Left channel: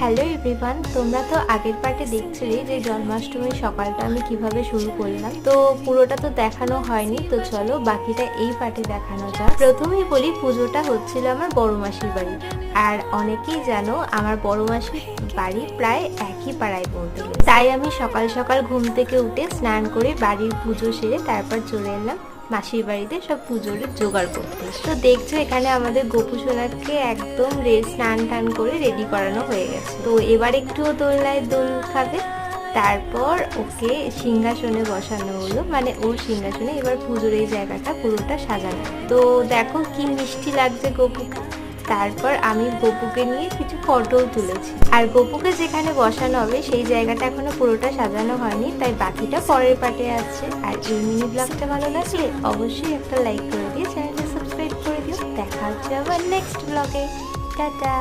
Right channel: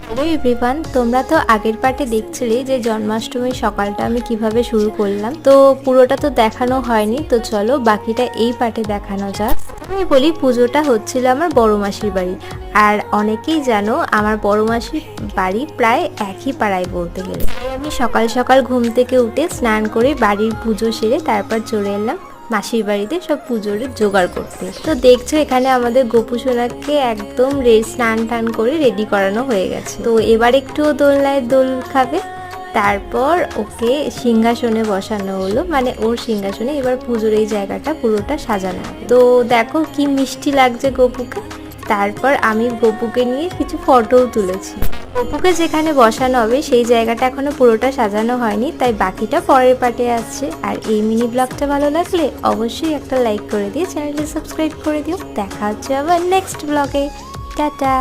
Hello everyone, তোমরা তো আগের পার্টে দেখছিলে যে জন্মাষ্টমীর সকালটা আমি কিভাবে শুরু করলাম। তো পুরোটা তো দেখানো হয়নি, তো চলো বাকিটা এই পার্টে দেখানো যাক। প্রথমেই বলি, পুজোটা হচ্ছিল আমার বড় মাসির বাড়ি। আর অনেকেই জানো আমার বড় মাসির বাড়ি প্রায় একই পাড়ায় বলতে গেলে। তাই আমি সকাল সকাল ঘুম থেকে উঠে স্নান করে বাড়ির পুজো সেরে তারপর চলে এলাম মাসির বাড়িতে সব পুজোর জোগাড় করতে। তো দেখছো এখানে আমাদের গোপু সোনাকে একদম স্নান টান করে রেডি করানো হয়ে গেছে। তো এবার একটু দোলনায় দোল খাবে, তারপর ওকে সিংহাসনে বসানো হলো, মানে ওর সিংহাসনে এবার পুজোর এই জায়গাটা পুরোটা সাজানো। তো দেখো কি মিষ্টি লাগছে গোপুকে। তারপর আমি গপুকে নিয়ে কিছু ফটোও তুলেছি। আর গপুকে যেখানে বসানো হবে সেই জায়গাটা এখনো পুরোটা সাজানো হয়নি, তাই বাকিটা পরের পার্টে আসছে। আর এই মিনি ব্লগটা ভালো লাগলে অবশ্যই একটা লাইক করে দিয়ে চ্যানেলটা সাবস্ক্রাইব করে দিও। দেখা হচ্ছে আবার নেক্সট ব্লগে। টাটা।